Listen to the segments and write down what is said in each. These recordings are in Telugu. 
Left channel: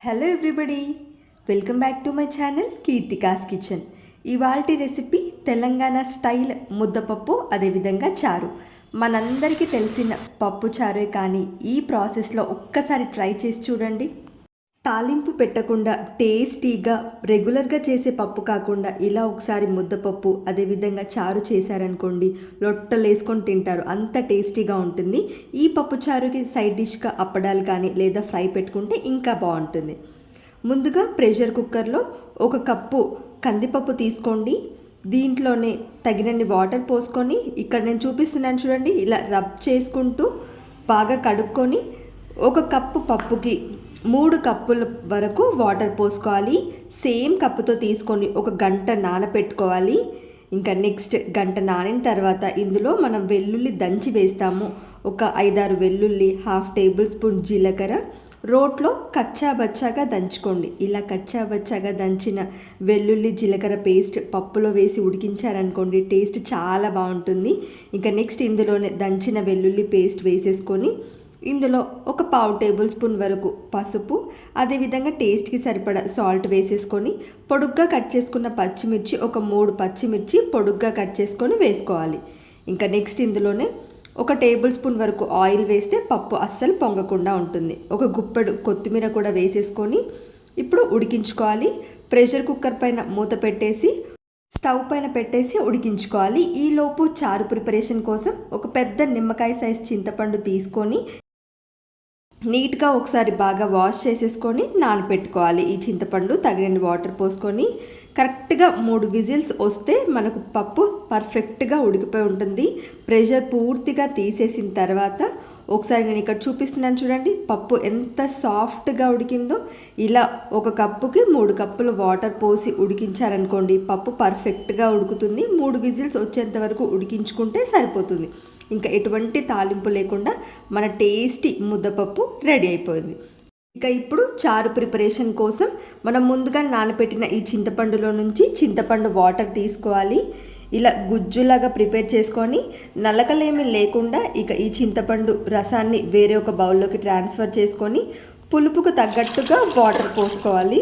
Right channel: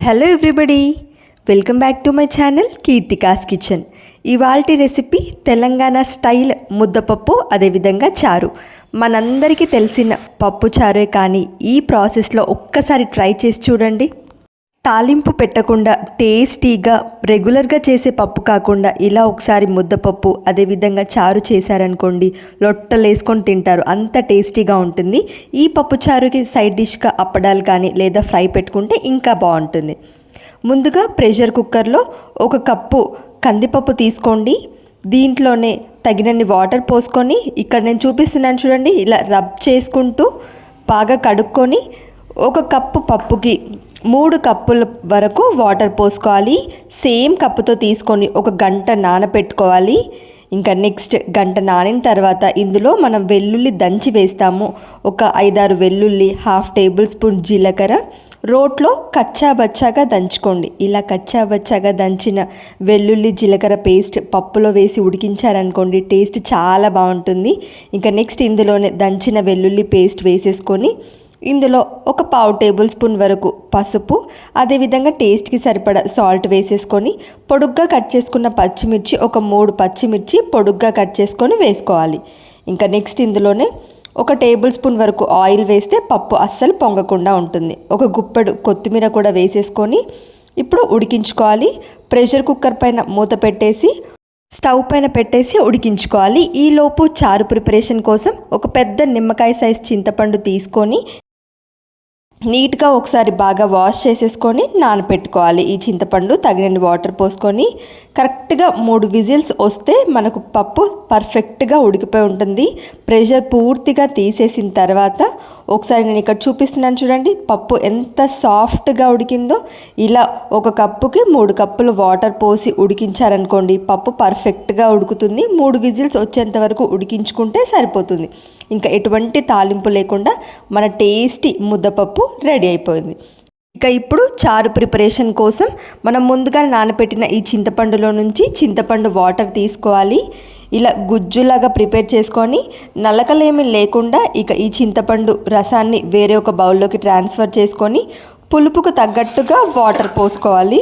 Hello everybody welcome back to my channel Keerthika's kitchen ఇవాల్టి రెసిపీ తెలంగాణ స్టైల్ ముద్దపప్పు అదేవిధంగా చారు. మనందరికీ తెలిసిన పప్పు చారే కానీ ఈ ప్రాసెస్లో ఒక్కసారి ట్రై చేసి చూడండి. తాలింపు పెట్టకుండా టేస్టీగా రెగ్యులర్గా చేసే పప్పు కాకుండా ఇలా ఒకసారి ముద్దపప్పు అదేవిధంగా చారు చేశారనుకోండి లొట్టలు వేసుకొని తింటారు. అంత టేస్టీగా ఉంటుంది. ఈ పప్పు చారుకి సైడ్ డిష్గా అప్పడాలు కానీ లేదా ఫ్రై పెట్టుకుంటే ఇంకా బాగుంటుంది. ముందుగా ప్రెషర్ కుక్కర్లో ఒక కప్పు కందిపప్పు తీసుకోండి. దీంట్లోనే తగినన్ని వాటర్ పోసుకొని ఇక్కడ నేను చూపిస్తున్నాను చూడండి ఇలా రబ్ చేసుకుంటూ బాగా కడుక్కొని ఒక కప్పు పప్పుకి మూడు కప్పుల వరకు వాటర్ పోసుకోవాలి. సేమ్ కప్పుతో తీసుకొని ఒక గంట నానపెట్టుకోవాలి. ఇంకా నెక్స్ట్ గంట నానిన తర్వాత ఇందులో మనం వెల్లుల్లి దంచి వేస్తాము. ఒక ఐదారు వెల్లుల్లి హాఫ్ టేబుల్ స్పూన్ జీలకర్ర. రోట్లో కచ్చా బచ్చాగా దంచుకోండి. ఇలా కచ్చా బచ్చాగా దంచిన వెల్లుల్లి జీలకర్ర పేస్ట్ పప్పులో వేసి ఉడికించారనుకోండి టేస్ట్ చాలా బాగుంటుంది. ఇంకా నెక్స్ట్ ఇందులోనే దంచిన వెల్లుల్లి పేస్ట్ వేసేసుకొని ఇందులో ఒక పావు టేబుల్ స్పూన్ వరకు పసుపు అదేవిధంగా టేస్ట్కి సరిపడా సాల్ట్ వేసేసుకొని పొడుగ్గా కట్ చేసుకున్న పచ్చిమిర్చి ఒక మూడు పచ్చిమిర్చి పొడుగ్గా కట్ చేసుకొని వేసుకోవాలి. ఇంకా నెక్స్ట్ ఇందులోనే ఒక టేబుల్ స్పూన్ వరకు ఆయిల్ వేస్తే పప్పు అస్సలు పొంగకుండా ఉంటుంది. ఒక గుప్పెడు కొత్తిమీర కూడా వేసేసుకొని ఇప్పుడు ఉడికించుకోవాలి. ప్రెషర్ కుక్కర్ పైన మూత పెట్టేసి స్టవ్ పైన పెట్టేసి ఉడికించుకోవాలి. ఈలోపు చారు ప్రిపరేషన్ కోసం ఒక పెద్ద నిమ్మకాయ సైజ్ చింతపండు తీసుకొని నీట్గా ఒకసారి బాగా వాష్ చేసేసుకొని నానపెట్టుకోవాలి. ఈ చింతపండు తగినన్ని వాటర్ పోసుకొని కరెక్ట్గా మూడు విజిల్స్ వస్తే మనకు పప్పు పర్ఫెక్ట్గా ఉడికిపోయి ఉంటుంది. ప్రెషర్ పూర్తిగా తీసేసిన తర్వాత ఒకసారి నేను ఇక్కడ చూపిస్తున్నాను చూడండి. పప్పు ఎంత సాఫ్ట్గా ఉడికిందో ఇలా ఒక కప్పుకి మూడు కప్పులు వాటర్ పోసి ఉడికించారనుకోండి పప్పు పర్ఫెక్ట్గా ఉడుకుతుంది. మూడు విజిల్స్ వచ్చేంత వరకు ఉడికించుకుంటే సరిపోతుంది. ఇంకా ఎటువంటి తాలింపు లేకుండా మన టేస్టీ ముద్దపప్పు రెడీ అయిపోయింది. ఇక ఇప్పుడు చారు ప్రిపరేషన్ కోసం మనం ముందుగా నానబెట్టిన ఈ చింతపండులో నుంచి చింతపండు వాటర్ తీసుకోవాలి. ఇలా గుజ్జులాగా ప్రిపేర్ చేసుకొని నలకలేమి లేకుండా ఇక ఈ చింతపండు రసాన్ని వేరే ఒక బౌల్లోకి ట్రాన్స్ఫర్ చేసుకొని పులుపుకు తగ్గట్టుగా వాటర్ పోసుకోవాలి.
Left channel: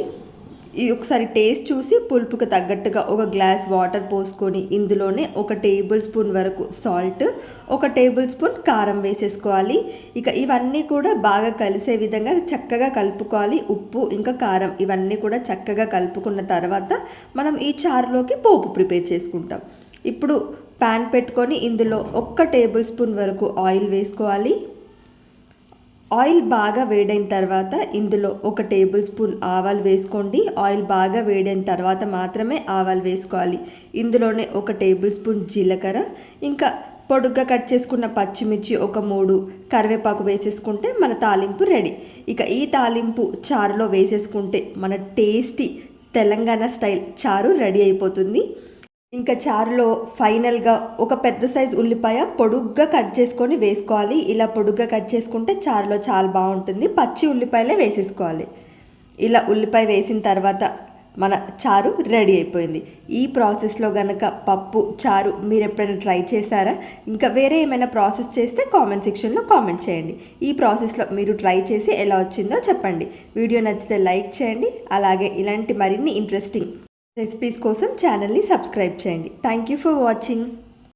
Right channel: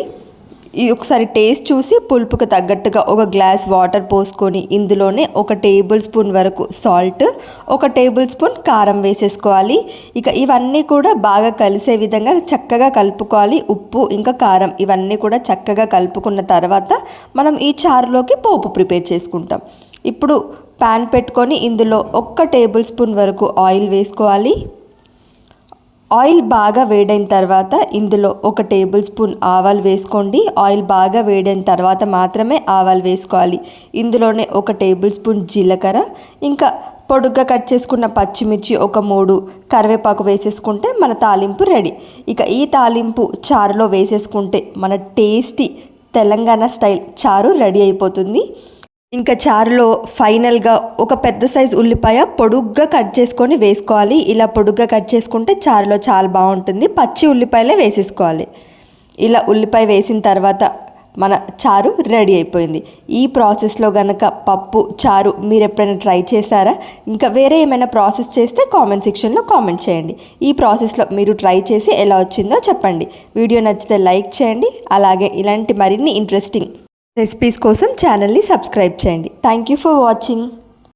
ఈ ఒకసారి టేస్ట్ చూసి పులుపుకు తగ్గట్టుగా ఒక గ్లాస్ వాటర్ పోసుకొని ఇందులోనే ఒక టేబుల్ స్పూన్ వరకు సాల్ట్ ఒక టేబుల్ స్పూన్ కారం వేసేసుకోవాలి. ఇక ఇవన్నీ కూడా బాగా కలిసే విధంగా చక్కగా కలుపుకోవాలి. ఉప్పు ఇంకా కారం ఇవన్నీ కూడా చక్కగా కలుపుకున్న తర్వాత మనం ఈ చారులోకి పోపు ప్రిపేర్ చేసుకుంటాం. ఇప్పుడు ప్యాన్ పెట్టుకొని ఇందులో ఒక్క టేబుల్ స్పూన్ వరకు ఆయిల్ వేసుకోవాలి. ఆయిల్ బాగా వేడైన తర్వాత ఇందులో ఒక టేబుల్ స్పూన్ ఆవాలు వేసుకోండి. ఆయిల్ బాగా వేడైన తర్వాత మాత్రమే ఆవాలు వేసుకోవాలి. ఇందులోనే ఒక టేబుల్ స్పూన్ జీలకర్ర ఇంకా పొడుగ్గా కట్ చేసుకున్న పచ్చిమిర్చి ఒక మూడు కరివేపాకు వేసేసుకుంటే మన తాలింపు రెడీ. ఇక ఈ తాలింపు చారులో వేసేసుకుంటే మన టేస్టీ తెలంగాణ స్టైల్ చారు రెడీ అయిపోతుంది. ఇంకా చారులో ఫైనల్గా ఒక పెద్ద సైజ్ ఉల్లిపాయ పొడుగ్గా కట్ చేసుకొని వేసుకోవాలి. ఇలా పొడుగ్గా కట్ చేసుకుంటే చారులో చాలా బాగుంటుంది. పచ్చి ఉల్లిపాయలే వేసేసుకోవాలి. ఇలా ఉల్లిపాయ వేసిన తర్వాత మన చారు రెడీ అయిపోయింది. ఈ ప్రాసెస్లో కనుక పప్పు చారు మీరు ఎప్పుడైనా ట్రై చేశారా? ఇంకా వేరే ఏమైనా ప్రాసెస్ చేస్తే కామెంట్ సెక్షన్లో కామెంట్ చేయండి. ఈ ప్రాసెస్లో మీరు ట్రై చేసి ఎలా వచ్చిందో చెప్పండి. వీడియో నచ్చితే లైక్ చేయండి. అలాగే ఇలాంటి మరిన్ని ఇంట్రెస్టింగ్ రెసిపీస్ కోసం ఛానల్ని సబ్స్క్రైబ్ చేయండి. Thank you for watching